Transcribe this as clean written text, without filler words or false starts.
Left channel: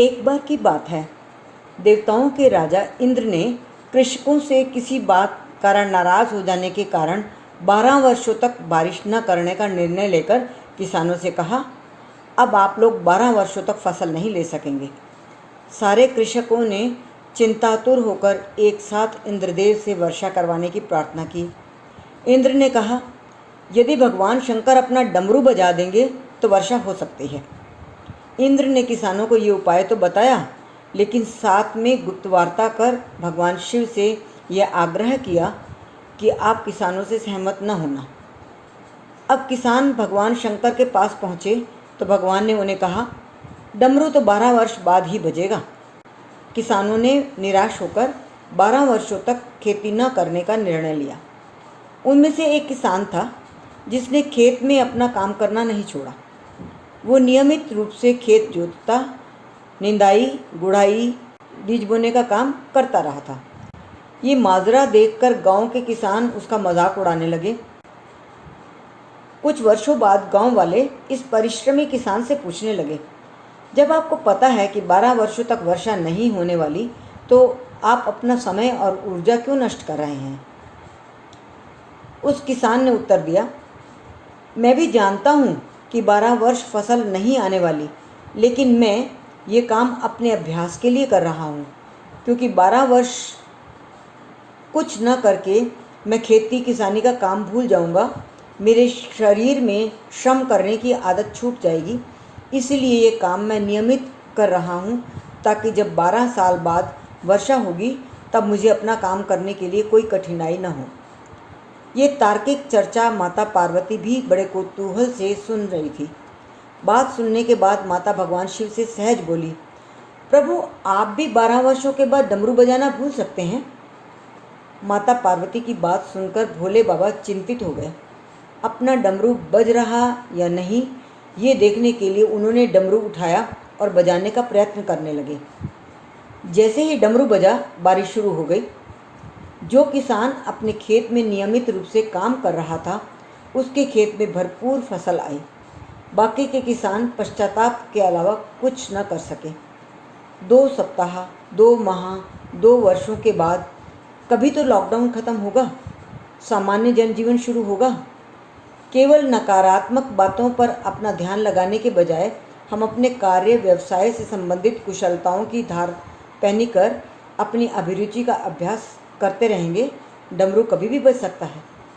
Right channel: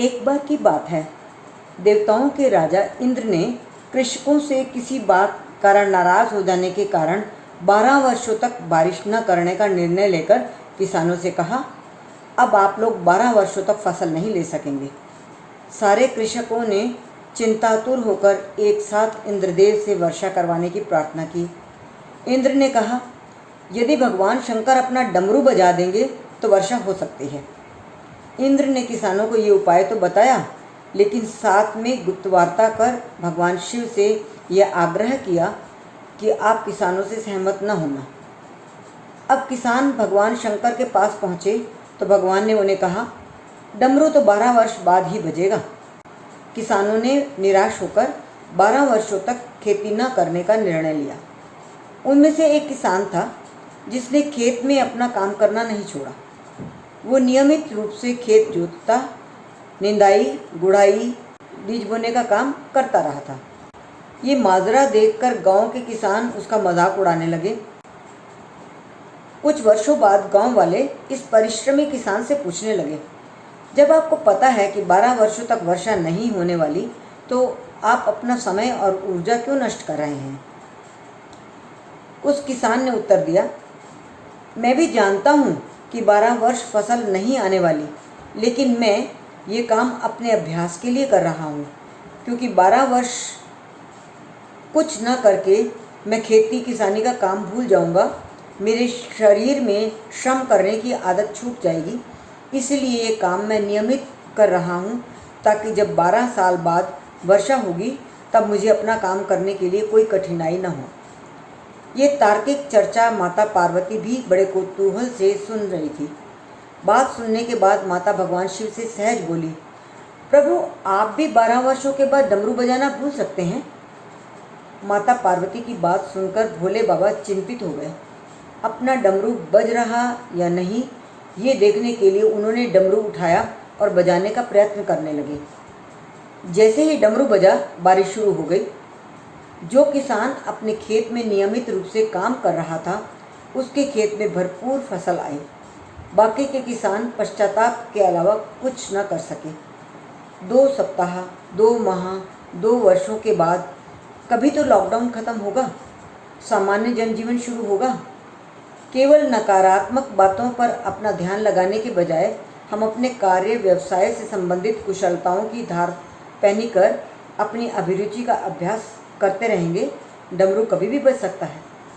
एक बार की बात है, देवताओं के राजा इंद्र ने कृषकों से किसी बात कारण नाराज हो जाने के कारण 12 वर्षों तक बारिश न करने का निर्णय लेकर किसानों से कहा, अब आप लोग 12 वर्षों तक फसल नहीं ले सकेंगे। सारे कृषकों ने चिंतातुर होकर एक साथ इंद्रदेव से वर्षा करवाने की प्रार्थना की। इंद्र ने कहा, यदि भगवान शंकर अपना डमरू बजा देंगे तो वर्षा हो सकती है। इंद्र ने किसानों को ये उपाय तो बताया, लेकिन साथ में गुप्तवार्ता कर भगवान शिव से यह आग्रह किया कि आप किसानों से सहमत न होना। अब किसान भगवान शंकर के पास पहुँचे तो भगवान ने उन्हें कहा, डमरू तो 12 वर्ष बाद ही बजेगा। किसानों ने निराश होकर 12 वर्षों तक खेती न करने का निर्णय लिया। उनमें से एक किसान था जिसने खेत में अपना काम करना नहीं छोड़ा। वो नियमित रूप से खेत जोतता, निंदाई, गुड़ाई, बीज बोने का काम करता रहा था। ये माजरा देखकर गांव के किसान उसका मजाक उड़ाने लगे। कुछ वर्षों बाद गांव वाले इस परिश्रमी किसान से पूछने लगे, जब आपको पता है कि 12 वर्षों तक वर्षा नहीं होने वाली, तो आप अपना समय और ऊर्जा क्यों नष्ट कर रहे हैं? उस किसान ने उत्तर दिया, मैं भी जानता हूँ कि 12 वर्ष फसल नहीं आने वाली, लेकिन मैं ये काम अपने अभ्यास के लिए कर रहा हूँ, क्योंकि 12 वर्ष कुछ न करके मैं खेती किसानी का काम भूल जाऊँगा। मेरे शरीर में श्रम करने की आदत छूट जाएगी। इसलिए ये काम मैं नियमित कर रहा हूँ, ताकि जब 12 साल बाद वर्षा होगी तब मुझे अपना काम करने के लिए कोई कठिनाई न हो। ये तार्किक चर्चा माता पार्वती भी बड़े कौतूहल से सुन रही थी। बात सुनने के बाद माता भगवान शिव से सहज बोली, प्रभु, आप भी 12 वर्षों के बाद डमरू बजाना भूल सकते हैं? माता पार्वती की बात सुनकर भोले बाबा चिंतित हो गए। अपना डमरू बज रहा या नहीं, ये देखने के लिए उन्होंने डमरू उठाया और बजाने का प्रयत्न करने लगे। जैसे ही डमरू बजा, बारिश शुरू हो गई। जो किसान अपने खेत में नियमित रूप से काम कर रहा था, उसके खेत में भरपूर फसल आई। बाकी के किसान पश्चाताप के अलावा कुछ न कर सके। 2 सप्ताह, 2 माह, 2 वर्षों के बाद कभी तो लॉकडाउन खत्म होगा, सामान्य जनजीवन शुरू होगा। केवल नकारात्मक बातों पर अपना ध्यान लगाने के बजाय हम अपने कार्य व्यवसाय से संबंधित कुशलताओं की धार पहनी कर अपनी अभिरुचि का अभ्यास करते रहेंगे, डमरू कभी भी बज सकता है।